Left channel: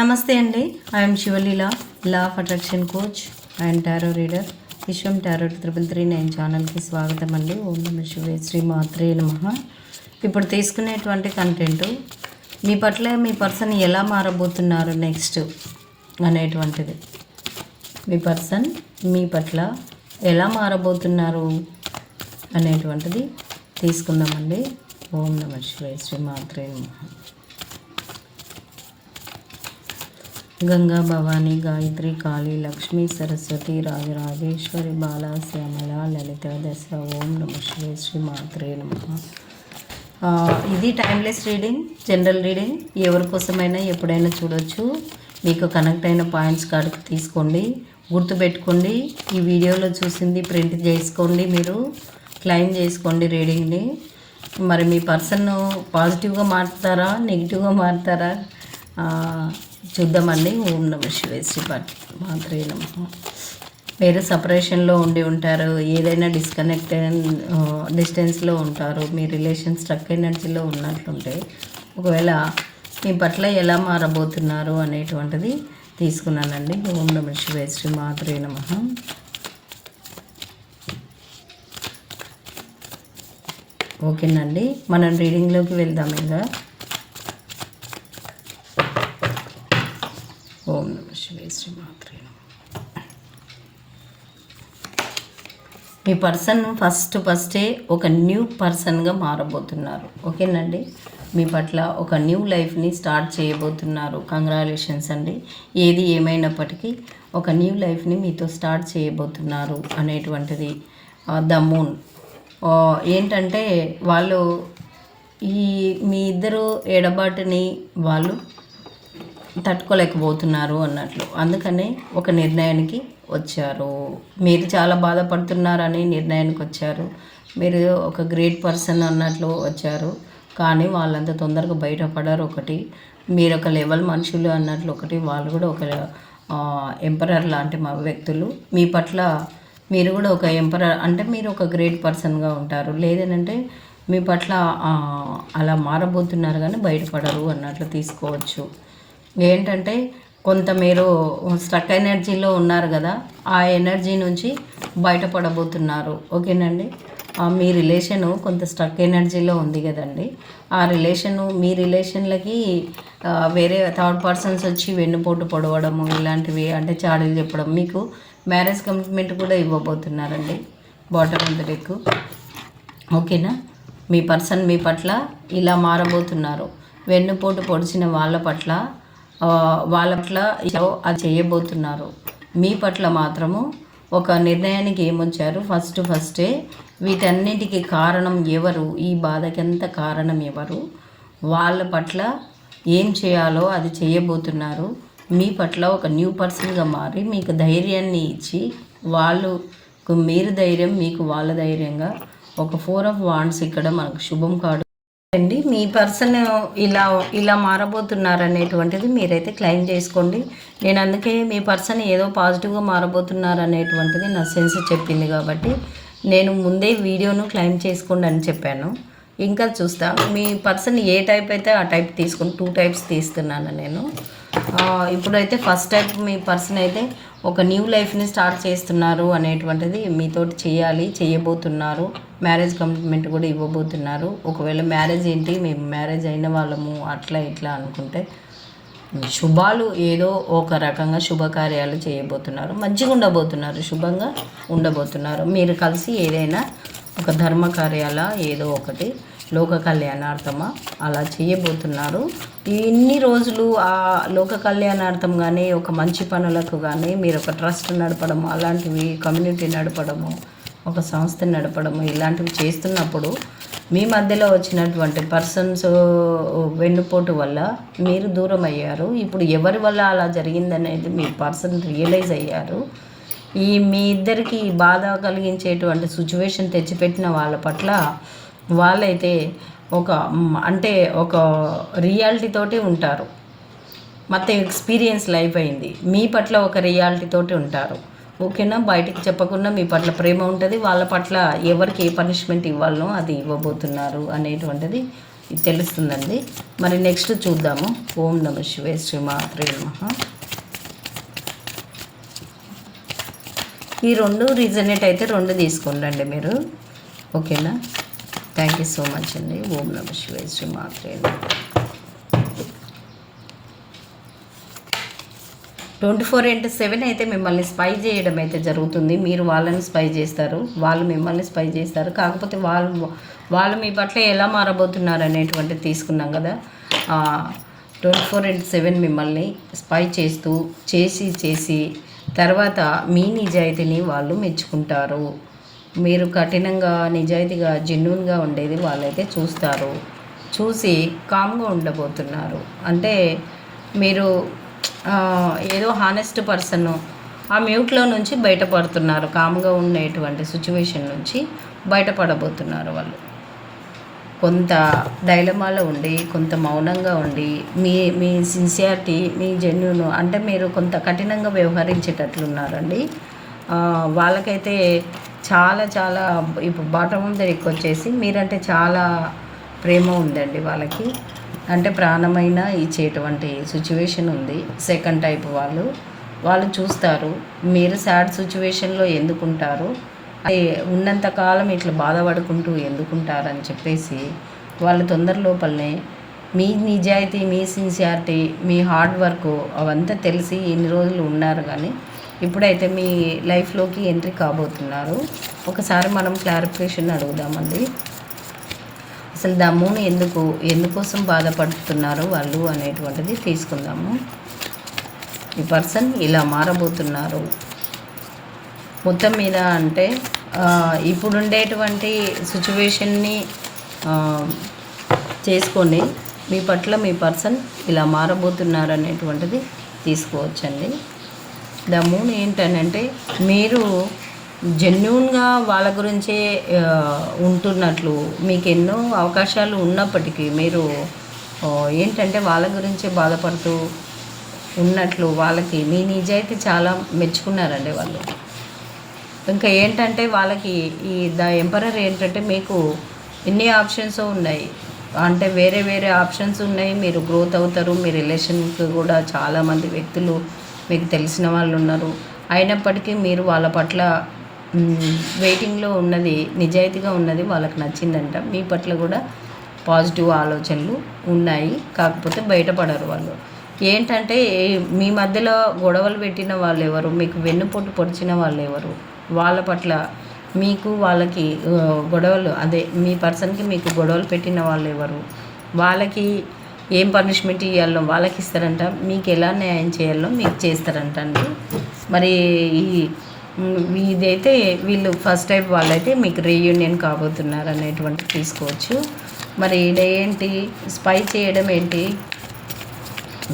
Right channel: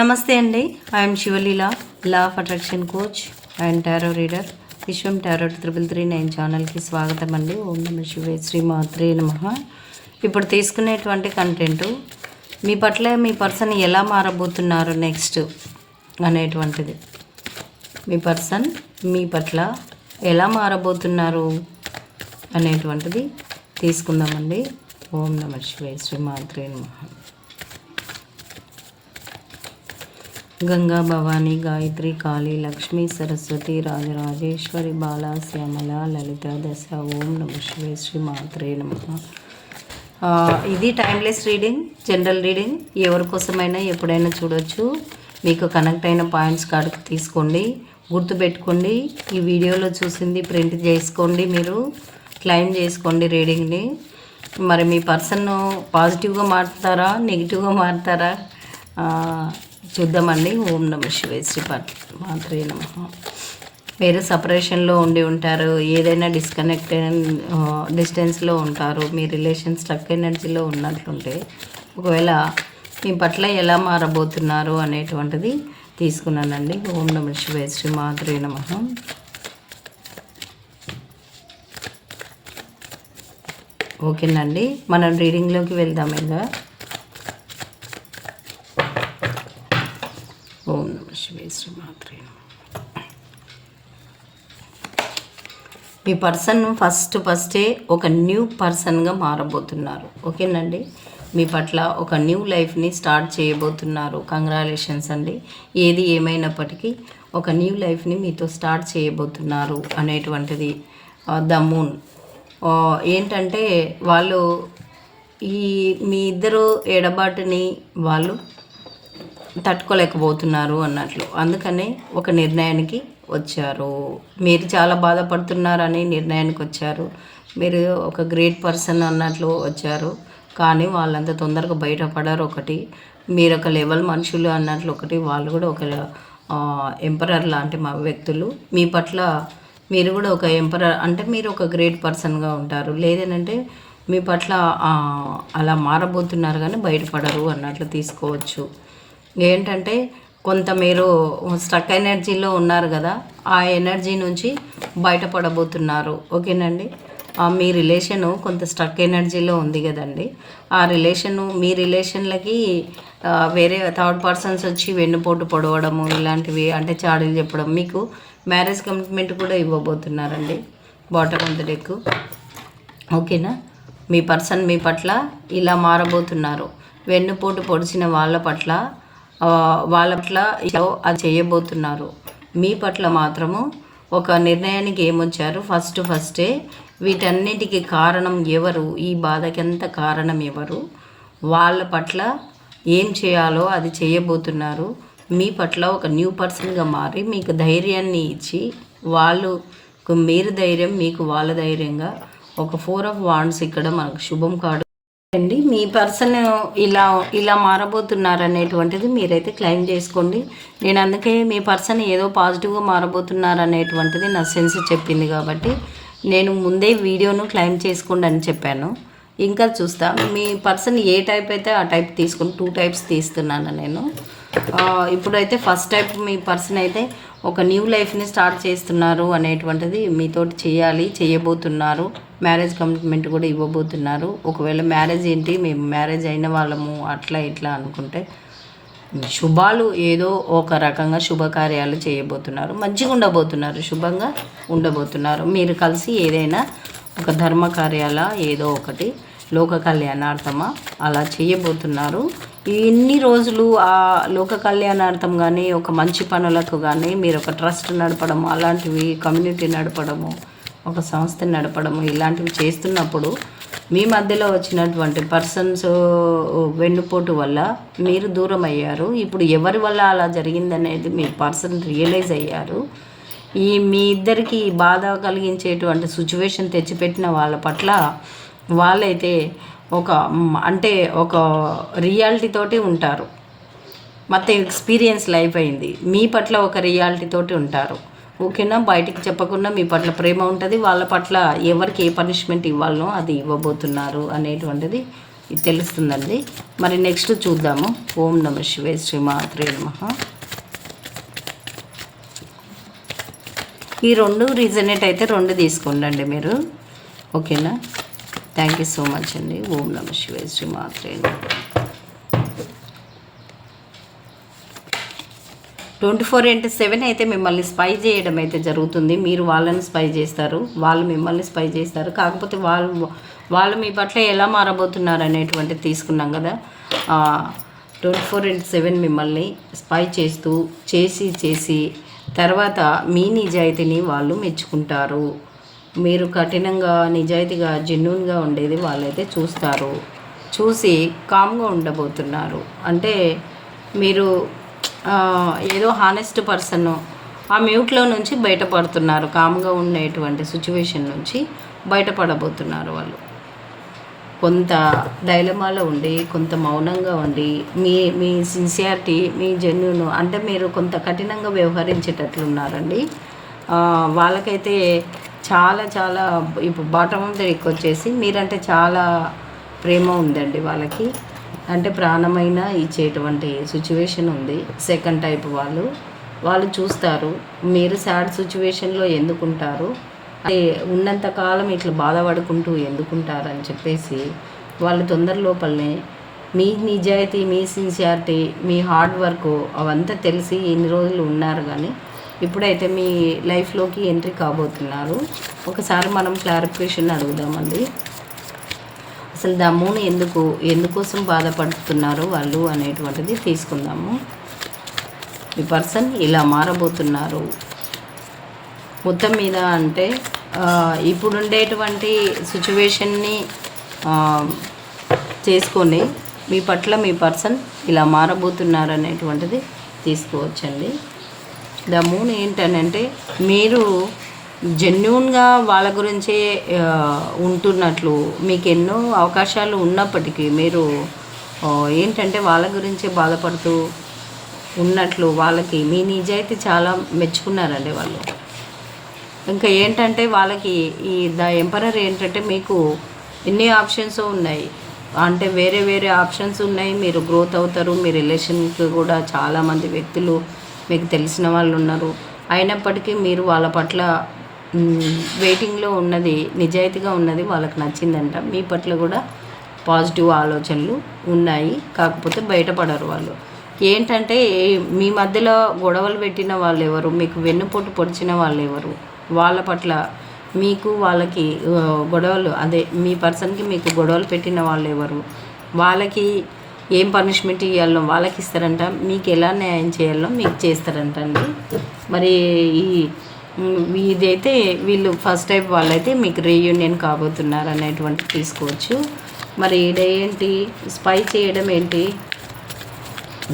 నమస్తే అండి. I am Shivaleela, law of attraction coach and tarot reader. Viswam tarot 339 ఛానల్కి స్వాగతం అండి. ఓం నమ శివాయ, శ్రీ మాత్రే నమః. ఇప్పుడు తీసుకునేటువంటి కంటెంట్ మీ పట్ల మీ పర్సన్ ఎలా మారబోతున్నారు నెక్స్ట్ అనేటువంటిది. మీ పర్సన్ మీ పట్ల ఎలా మారబోతున్నారు అనేటువంటిది తీసుకుందామండి. ఓం నమ శివాయ, శ్రీ మాత్రే నమః. గంగా, భవానీ, గాయత్రి, కాళీ, లక్ష్మీ, సరస్వతి, రాజరాజేశ్వరి, బాల, శ్యామల, లలిత, దశ. ఓం నమ శివాయ, శ్రీ మాత్రే నమః. ఇది టైమ్లెస్ రీడింగ్, జనరల్ రీడింగ్. ఎవరి కోసమైనా ఎప్పుడైనా చూడవచ్చు. మీకు కనెక్ట్ అయిన పాయింట్స్ కాడికి తీసుకోండి, గుర్తుపెట్టుకోండి. ఈ వీడియోలో చూసింది ప్రింట్ చేసుకోండి, మీరు క్లెయిమ్ చేసుకోండి రీడింగ్ని. మరి మీ పర్సన్ పాజిటివ్గా మారుతారా, నెగిటివ్గా మారుతారా చూద్దామండి. ఓం నమ శివాయ, శ్రీ మాత్రే నమః. మీరు సపరేషన్లో ఉండి ఉంటారు, ఏదైనా డిస్టెన్స్లో ఉంటారు, మీ రిలేషన్ స్ట్రక్ ఎనర్జీలో ఉన్నట్లుంటే ఒకవేళ మీ పట్ల ఎలా మారబోతున్నారు అనేటువంటిది తీసుకున్నానండి. ఓం నమ శివాయ, శ్రీ మాత్రే నమః. ఓకేనండి, మనం రీడింగ్లోకి వెళ్దాం. ఇంకా ఓం నమ శివాయ, శ్రీ మాత్రే నమః. మీ పర్సన్ ఫస్టే ఒక న్యూ పర్సన్గా మారబోతున్నారు. ఓకేనండి, మీ పట్ల ఒక న్యూ లైఫ్ని స్టార్ట్ చేయబోతున్నారు. కంగ్రాచులేషన్స్ అండి. ఏది ఏమైనప్పటికీ ఒక న్యూ లైఫ్ని మీతో స్టార్ట్ చేయబోతున్నారు అనేటువంటిది ద మూన్. ఏంటంటే వాళ్ళు మీ ఇద్దరు ఎడబాటుని వాళ్ళు తట్టుకోలేకపోతున్నారు అన్నట్లు, అందుకనే ఒక నిర్ణయానికి వచ్చారు. మీరు చాలా బాధపడుతున్నారని నిర్ణయానికి వచ్చారు. మీరు ఒక గ్రేట్ పర్సన్ అన్నట్లు వచ్చారు, కానీ వాళ్ళంత తొందరగా బయటపడారు. ఒకటి, మీరు ఒక లెవెల్ మనుషులు అన్నట్లు. ఒకటి, వాళ్ళు కూడా ఒక ఎంపరర్ లాంటి మా వ్యక్తులు. మీ పట్ల మీరు కూడా ఒక ఎంపరర్ అంటే మీరు ఒక గ్రేట్ పర్సన్గా ఉంటారు. లేదనంటే మీ పట్ల అలా మారబోతున్నారు కానీ బయటపడరు అన్నట్లు తీసుకోవచ్చు. ఏంటంటే కొంత మీరు స్ట్రక్ ఎనర్జీలో ఉన్నారు కదా, ఆ ఎనర్జీ నుంచి బయటపడబోతున్నారు. ఓకేనండి, మీ రిలేషను కొంత స్ట్రక్ ఎనర్జీలో ఉంది కదండి. మీ రిలేషన్లకి వేరే థర్డ్ పర్సన్స్ వచ్చి వెన్నుపోటు పొడవడము ఇలాంటివి, అంటే చాడీలు చెప్పడం, మీకు మ్యారేజ్ కమిట్మెంట్ కూడా ఇవ్వబోతున్నారండి. Bottom of the deck. ఓకేనా, మీ పర్సన్ మీ పట్ల ఇలా మారబోతున్నారు. వెన్నుపోటు పొడిచిన వాళ్ళ పట్ల అది చేయబోతున్నారు. మీ పట్ల మాత్రము ఒక నిర్ణయానికి ఏమొచ్చారు. ఫస్టే వీటన్నిటికీ కారణం ఎవరు, ఈ బాధకంత కారణం ఎవరు, వాళ్ళ పట్ల ఏం చేయాలో అది చేయబోతున్నారు. మీ పట్ల ఒక న్యూ పర్సన్గా మారి మీకు ధైర్యాన్ని ఇచ్చి, వాళ్ళకు మీరు ధైర్యం, మీకు వాళ్ళ ధైర్యంగా ఒక 4 ఆఫ్ వాండ్స్ ఇక్కడ మనకు శుభం కాడు అండి. మీ పర్సన్ ఇలా మారబోతున్నారు అనేటువంటిది మీరైతే క్లెయిమ్ చేసుకోండి. నేను అందుకే మీ పర్సన్ ఏదో పాజిటివ్గా మారబోతున్నారు అనేటువంటిది నా సెన్స్ చెప్పింది కాబట్టి నేను ముందే వీడియోను క్లెయిమ్ చేసుకోండి అని చెప్పాను. ఇంకా చూస్తా మీ పర్సన్ ఏ టైప్ అయితే ఆ టైప్ తీసుకుని 2 టైప్స్ తీస్తున్నాను నేను. ఇప్పుడైతే ఫస్ట్ టైప్ మీ పర్సన్ అయితే ఒక న్యూ లైఫ్ని స్టార్ట్ చేస్తున్నారు అనేటువంటిది మీతోటి చేయబోతున్నారు. మ్యారేజ్ కమిట్మెంట్ కూడా ఇవ్వబోతున్నారు. ఒకవేళ మ్యారేజ్ ఏంటి, మేము మ్యారేజ్ అయిన వాళ్ళము అట్లా ఇట్లా అనుకుంటే శుభాలు ఏదో ఒక రకంగా శుభకార్యాలు చేయబోతున్నారు. మంచిగా ఉండబోతున్నారు, శుభంగా ఉండబోతున్నారు. మీరు కలిసి ఏదైనా ఒక ధర్మ కార్యాల ఏదో ఒకటి లోక కళ్యాణార్థమా అలా చేయబోతున్నారు. ఇన్ని రోజులు ఆ లోక కళ్యాణార్థం కానీ ఒక మంచి పనులకు కానీ మీరు ఒక ట్రస్ట్ నడపడము, అలాంటివి కమ్యూనిటీ నడపడము, ఒక సంస్థ నడపడము ఇలాంటివి చేస్తున్నప్పుడు మీ మధ్యలో వచ్చినటువంటి పర్సన్స్ వెన్నుపోటు వల్ల మీరు దూరం అయ్యారు. ఇప్పుడు ఎవరి వల్ల అలా జరిగిందనేది మీ పర్సన్ రియలైజ్ అయ్యారు. మీ ఇద్దరికి బాధ కలిగించేటువంటి సిచ్యువేషన్ తెచ్చిపెట్టిన వాళ్ళ పట్ల వాళ్ళైతే ఒక రియాలిటీతోటి ఉంటారు. మొత్తం ఎక్స్పీరియన్స్ లైఫ్ అయింది. మీ పట్ల ఒక రియాలిటీతోటి ఉంటారు. ఓకేనా, బయటికి చెప్పకుండా మీ పట్ల ప్రేమ ఉంటుంది. వాళ్ళ పట్ల ఎవరికి ఏ పనిష్మెంట్ ఇవ్వాలనో అది ఇవ్వబోతున్నారు అనేటువంటిది ఇది తెలుస్తుందండి. మరి నెక్స్ట్ చూద్దాము. ఓం నమ శివాయ, శ్రీమాత్రే నమః. ఈ 2 రీజనేట్ అయితే 2 తీసుకోండి మీరు, ఓకేనా. థ్యాంక్ యూ సో మచ్ అండి. ఓం నమ శివాయ, శ్రీమాత్రే నమః. 24/7 అయితే మిమ్మల్ని స్పై చేయడం అయితే జరుగుతుంది. మీరు వాళ్ళని స్పై చేస్తారు, వాళ్ళు మిమ్మల్ని స్పై చేస్తారు. కాకపోతే వాళ్ళు మీ పట్ల ఎలా మారబోతున్నారు అనేటువంటిది తీసుకున్నాం కదా. 24/7 మిమ్మల్ని స్పై చేసి తర్వాత మీ నిజాయితీని వాళ్ళు మెచ్చుకుంటారు. మీరు కఠినంగా, నిజాయితీగా, జెన్యూన్గా ఉండేది వాళ్ళైతే చూస్తారు. చూసి కామ్గా ఉండబోతున్నారు. అంటే మీరు ఏదో హానెస్ట్ పర్సన్ ఆ మ్యూట్లో నుంచి బయటపడుతున్నారు. కామ్గా ఉండేటువంటి సిచ్యువేషన్ నుంచి బయటపడబోతున్నారు. వాళ్ళు కొంత డైలమాలో ఉండి, కొంత మౌనంగా ఉండి, మీ సిన్సియారిటీ, మీ జెన్యూన్, అంటే మీరు కొంత కఠినంగా వ్యవహరించేటట్లున్నారండి. వాళ్ళకైతే చాలా చాలా ఇప్పుడు బాటమ్ ఆఫ్ ద డెక్ వచ్చేసి మీరంటే చాలా ప్రేమ ఉందండి వాళ్ళకి. అంటే ప్రాణమైన ఇచ్చేటువంటి సిచ్యువేషన్ ఉంది. సెకండ్ టైప్ వాళ్ళు చూస్తారు మీరు సాడ్ సిచ్యువేషన్లో ఎందుకుంటారు, ఉన్నంతకాలం ఇట్లా బాధపడుకుంటూ ఎందుకుంటారని చెప్పేసి వాళ్ళు తొందర లోపలనే మీ నిజాయితీ, మీ సిన్సియారిటీ, మీ హార్డ్ వర్క్ అవంతా తెలిసి ఇన్ని రోజులు ఉన్నారు. కానీ ఇప్పుడైతే మీ లైఫ్లోకి ఎంట్రీ కాబోతున్నారు. ఒకసారి మనం క్లారిఫికేషన్ అడుగుదామండి. అసలు దమ్మును ఎందుకోసం బాధపడుతున్నారు వాళ్ళు అనేటువంటిది తీసుకుందాము. ఈ పర్సన్ ఇలా మారబోతున్నారు మొత్తం మీద. అంటే ఇప్పుడుండేటువంటి సిచ్యువేషన్ని చేసుకొని మీ పట్ల మీ పర్సన్ ఇలా మారబోతున్నారు అనేటువంటిది తీసుకోవచ్చండి. ద మూన్ ఏంటనంటే మీరు జెన్యూన్గా వాళ్ళ గురించే ఉంటున్నట్లు, మీకు ఎన్నో అవకాశాలు ఉన్నప్పటికీ మీరు ఏంటంటే వాళ్ళ గురించే బాధపడుతూ ఉన్నట్లు, వాళ్ళకి మీ నిజాయితీ చాలా మెచ్చుకున్నారండి వాళ్ళు. ఇంకా ఏంటంటే వాళ్ళకి ఈ ద ఎంపరర్ ఏంటంటే మీకు ఎన్ని ఆప్షన్స్ ఉన్నాయి, అంటే వేరే వేరే ఆప్షన్స్ ఉన్నాయి. మీరు గ్రోత్ అవుతారు. మీ రిలేషన్కి కూడా చాలామంది వ్యక్తులు మీకు తెలిసిన వాళ్ళు ఉన్నారు. అయినప్పటికీ మీరు వాళ్ళ పట్ల వెయిటింగ్లో ఉన్నది, నిజాయితీగా ఉన్నది వాళ్ళకి నచ్చిందంట. మీ పట్ల కూడా పాజిటివ్ ఆలోచనలు ఉన్నాయి. కాకపోతే బయటపడరు వాళ్ళు. ఏంటంటే మీ మధ్యలో గొడవలు పెట్టిన వాళ్ళు ఎవరు, మీకు వెన్నుపోటు పొడిచిన వాళ్ళు ఎవరు, వాళ్ళ పట్ల మీకు వాళ్ళకి గొడవలు, అదే మీ పర్సన్కి మీకు గొడవలు పెట్టిన వాళ్ళు ఎవరు, వాళ్ళకి ఏం పనిష్మెంట్ ఇవ్వాలో వాళ్ళకి ఇస్తారంట, మీకు ఎలా న్యాయం చేయాలో మీకు చేస్తారంట అండి. మరి ఇదైతే వీళ్ళు ఫస్ట్ టైప్ వాళ్ళైతే మీకు రీయూనియన్ కాబోతున్నారు అనేటువంటి తీసుకోవచ్చు. మరి ఏంటి స్పై చేయడం ఏంటి,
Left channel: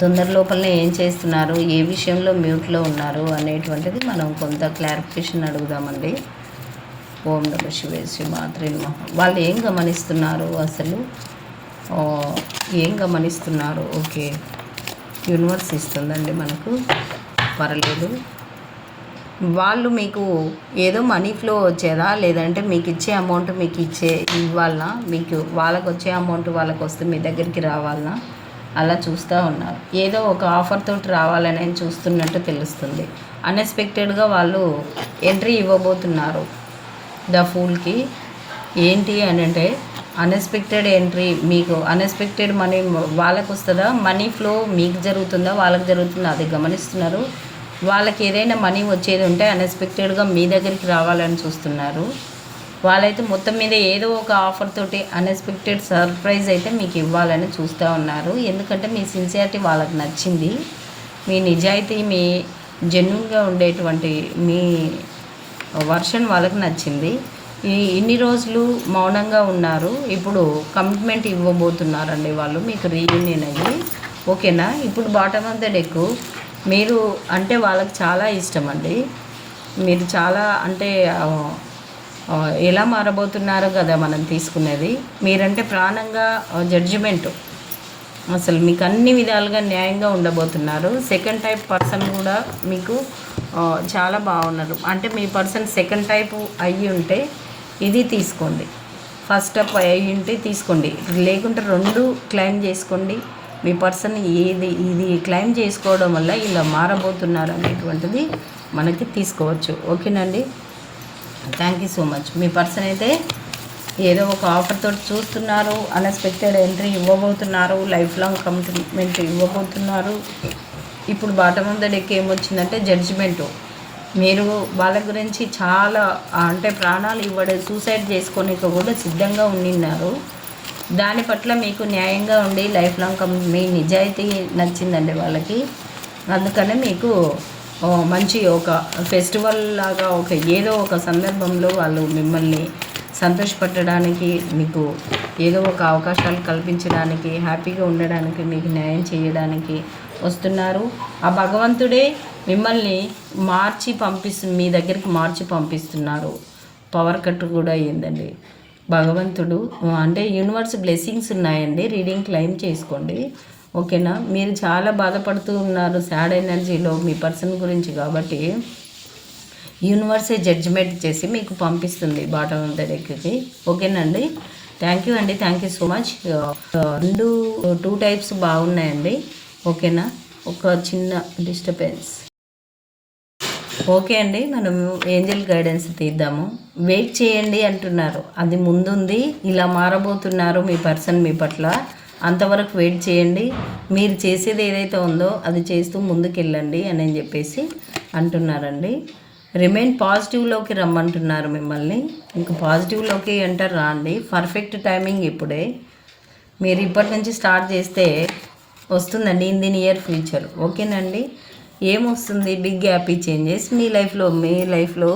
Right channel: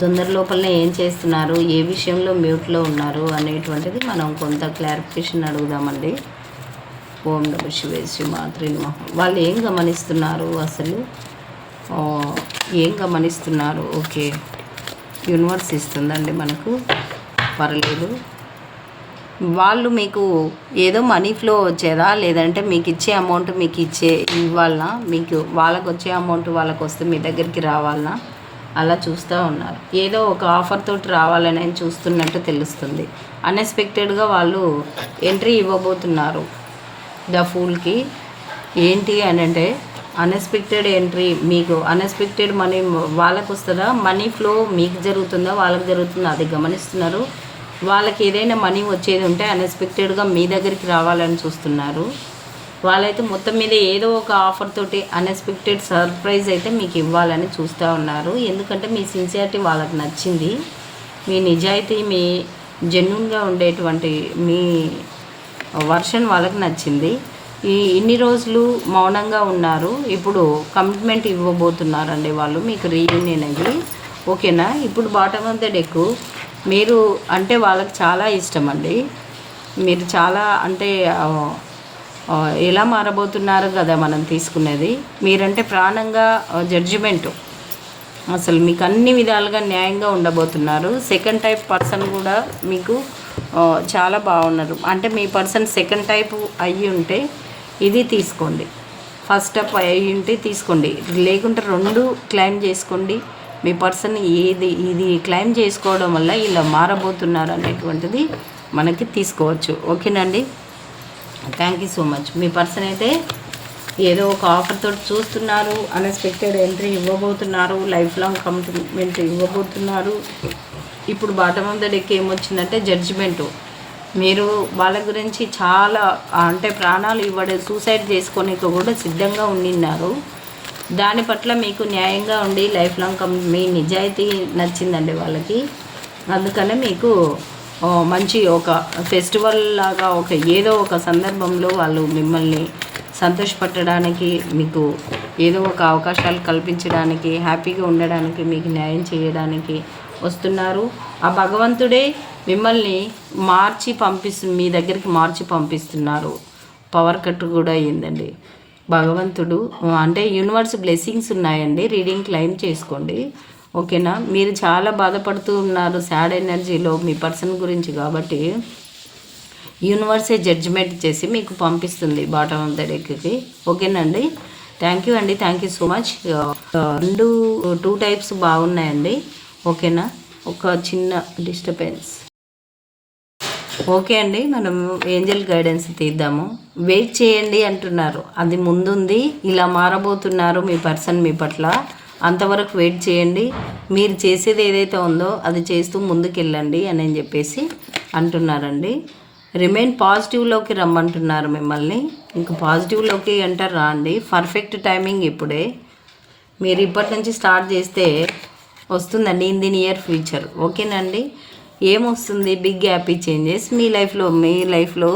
తొందర లోపలనే ఏం చేస్తున్నారు, ఏ విషయంలో మ్యూట్లో ఉన్నారు అనేటువంటిది మనం కొంత క్లారిఫికేషన్ అడుగుదామండి. ఓం నమ శివాయ, శ్రీమాత్రే నమః. వాళ్ళు ఏం గమనిస్తున్నారు, అసలు ఏం గమనిస్తున్నారు? ఓకే, యూనివర్స్ ఇస్తుందండి మనకు, పర్లేదు. వాళ్ళు మీకు ఏదో మనీ ఫ్లో వచ్చేదా, లేదంటే మీకు ఇచ్చే అమౌంట్ మీకు ఇవ్వాలనా, మీకు వాళ్ళకు వచ్చే అమౌంట్ వాళ్ళకు వస్తే మీ దగ్గరికి రావాలనా, అలా చూస్తూ ఉన్నారు. ఏదో ఒక ఆఫర్ తోటి రావాలని చూస్తున్నట్టు తెలుస్తుంది. అన్ఎక్స్పెక్టెడ్గా వాళ్ళు ఎంట్రీ ఇవ్వబోతున్నారు ద ఫూల్కి. ఏంటి అని అంటే అన్ఎక్స్పెక్టెడ్ ఎంట్రీ, మీకు అన్ఎక్స్పెక్టెడ్ మనీ వాళ్ళకు వస్తుందా, మనీ ఫ్లో మీకు జరుగుతుందా వాళ్ళకి జరుగుతుందా అది గమనిస్తున్నారు. వాళ్ళకి ఏదైనా మనీ వచ్చేది ఉంటే అన్ఎక్స్పెక్టెడ్గా మీ దగ్గరికి రావాలని చూస్తున్నారు. వాళ్ళైతే మొత్తం మీద ఏదో ఒక ఆఫర్ తోటి అన్ఎక్స్పెక్టెడ్ సర్ప్రైజ్ అయితే మీకు ఇవ్వాలని చూస్తూ ఉన్నారు. ఎందుకంటే మీ సిన్సియారిటీ వాళ్ళకి నచ్చింది, మీ నిజాయితీ, మీ జెన్యూన్గా ఉండేటువంటి మీ వర్షన్ వాళ్ళకి నచ్చింది. ఇన్ని రోజులు మౌనంగా ఉన్నారు, ఇప్పుడు కమిట్మెంట్ ఇవ్వబోతున్నారండి వాళ్ళు మీకు రీయూనియన్ అయ్యి, ఓకేనా. ఇప్పుడు బాటమ్ ఆఫ్ ద డెక్ మీరు అంటే వాళ్ళకి చాలా ఇష్టం అండి. మీరు చాలా అంటే ఎలా మారబోతున్నారు కదా మనం తీసుకునేది. మీరంటే ప్రాణంగా జడ్జిమెంట్, అసలు మీకు అన్ని విధాలుగా న్యాయంగా ఉండబోతున్నారు. సెకండ్ టైప్ పర్సన్ కూడా మీకు చాలా బాగున్నారు. అంటే మీ పర్సన్ సెకండ్ టైప్ అయ్యి ఉంటే ఇది తీసుకోండి. ఫస్ట్ అప్ అయ్యింటే తీసుకోండి, లేకుంటే 2 క్లెయిమ్ చేసుకోండి. మీ పర్సన్ ఇది క్లెయిమ్ చేసుకోవడం వల్ల ఇలా మారబోతున్నారు అనేటువంటిది మనకి తీసుకోవచ్చు. ఓకేనండి, థ్యాంక్ యూ సో మచ్. మీ పర్సన్ అయితే ఏదో ఒక ఆఫర్ తోటి చూస్తున్నారు, అన్ఎక్స్పెక్టెడ్ ఎంట్రీ ఇవ్వబోతున్నారు, లైఫ్ లాంగ్ కమిట్మెంట్ ఇవ్వబోతున్నారు. ఇప్పుడు బాటమ్ ఆఫ్ ద డెక్ ఏమొచ్చిందంటే జడ్జిమెంటు. మీరు వాళ్ళ గురించి చాలా అంటే ప్రాణాలు సూసైడ్ చేసుకోనికి కూడా సిద్ధంగా ఉండిన్నారు. దాని పట్ల మీకు న్యాయంగా ఉండి లైఫ్ లాంగ్ మీ నిజాయితీ నచ్చిందండి వాళ్ళకి. అందుకనే మీకు మంచి ఒక ఫెస్టివల్ లాగా ఏదో ఒక సందర్భంలో వాళ్ళు మిమ్మల్ని సంతోషపెట్టడానికి, మీకు ఏదో ఒక అవకాశాలు కల్పించడానికి, హ్యాపీగా ఉండడానికి, మీకు న్యాయం చేయడానికి వస్తున్నారు. ఆ భగవంతుడే మిమ్మల్ని మీ దగ్గరికి మార్చి పంపిస్తున్నారు. పవర్ కట్ కూడా అయ్యిందండి. భగవంతుడు అంటే యూనివర్స్ బ్లెస్సింగ్స్ ఉన్నాయండి. రీడింగ్ క్లెయిమ్ చేసుకోండి. ఓకేనా, మీరు చాలా బాధపడుతూ ఉన్నారు సాడ్ ఎనర్జీలో మీ పర్సన్ గురించి. కాబట్టి యూనివర్సే జడ్జిమెంట్ చేసి మీకు పంపిస్తుంది బాటమ్ ఆఫ్ ద డెక్కి. ఓకేనండి, థ్యాంక్ యూ అండి, thank you so much. 2 types బాగున్నాయండి. ఓకేనా, ఒక చిన్న డిస్టర్బెన్స్. ఓకే అండి, మనం ఏంజల్ గైడెన్స్ తీద్దాము. వెయిట్ చేయండి అంటున్నారు, అది ముందుంది. ఇలా మారబోతున్నారు మీ పర్సన్ మీ పట్ల. అంతవరకు వెయిట్ చేయండి. మీరు చేసేది ఏదైతే ఉందో అది చేస్తూ ముందుకెళ్ళండి అని చెప్పేసి అంటున్నారండి. రిమైన్ పాజిటివ్లోకి రమ్మంటున్నారు మిమ్మల్ని. ఇంకా పాజిటివ్లోకి ఎంటర్ రాండి. పర్ఫెక్ట్ టైమింగ్ ఇప్పుడే. మీరు ఇప్పటి నుంచి స్టార్ట్ చేస్తే వస్తుందండి ఇన్ ది నియర్ ఫ్యూచర్. ఓకేనండి, ఏమొస్తుంది? బిగ్ హ్యాపీ చేంజెస్ మీ లైఫ్లో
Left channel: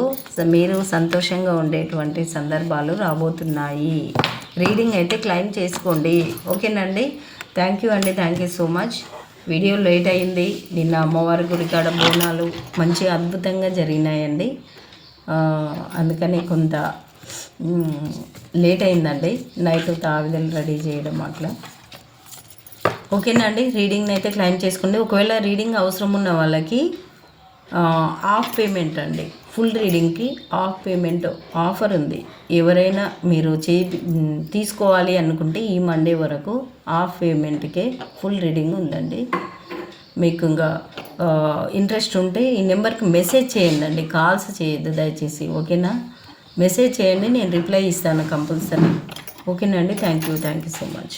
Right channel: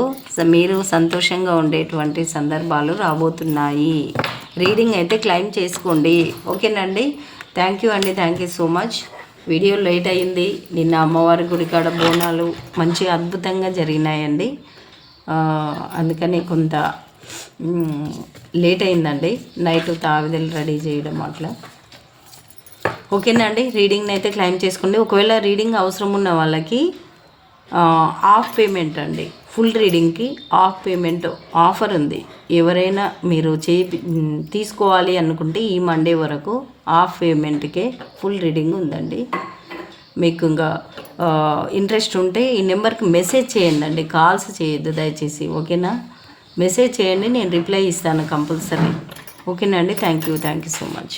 మీరు సంతోషంగా ఉండేటువంటి సందర్భాలు రాబోతున్నాయి. రీడింగ్ అయితే క్లెయిమ్ చేసుకోండి. ఓకేనండి, థ్యాంక్ యూ అండి, thank you so much. Video late అయింది. నిన్న అమ్మవారి గుడికాడ బోనాలు మంచి అద్భుతంగా జరిగినాయండి. అందుకని కొంత లేట్ అయిందండి. నైట్ తావిదలు రెడీ చేయడం అట్లా. ఓకేనండి, రీడింగ్ని అయితే క్లెయిమ్ చేసుకోండి. ఒకవేళ రీడింగ్ అవసరం ఉన్న వాళ్ళకి ఆఫ్ పేమెంట్ అండి. ఫుల్ రీడింగ్కి ఆఫ్ పేమెంట్ ఆఫర్ ఉంది. ఎవరైనా మీరు తీసుకోవాలి అనుకుంటే ఈ మండే వరకు ఆఫ్ పేమెంట్కే ఫుల్ రీడింగ్ ఉందండి. మీకు ఇంకా ఇంట్రెస్ట్ ఉంటే ఈ నెంబర్కి మెసేజ్ చేయండి, కాల్స్ చేయొద్దు దయచేసి. ఓకేనా, మెసేజ్ చేయండి, నేను రిప్లై ఇస్తాను కంపల్సరీ. ఓకేనండి, థ్యాంక్ యూ సో మచ్.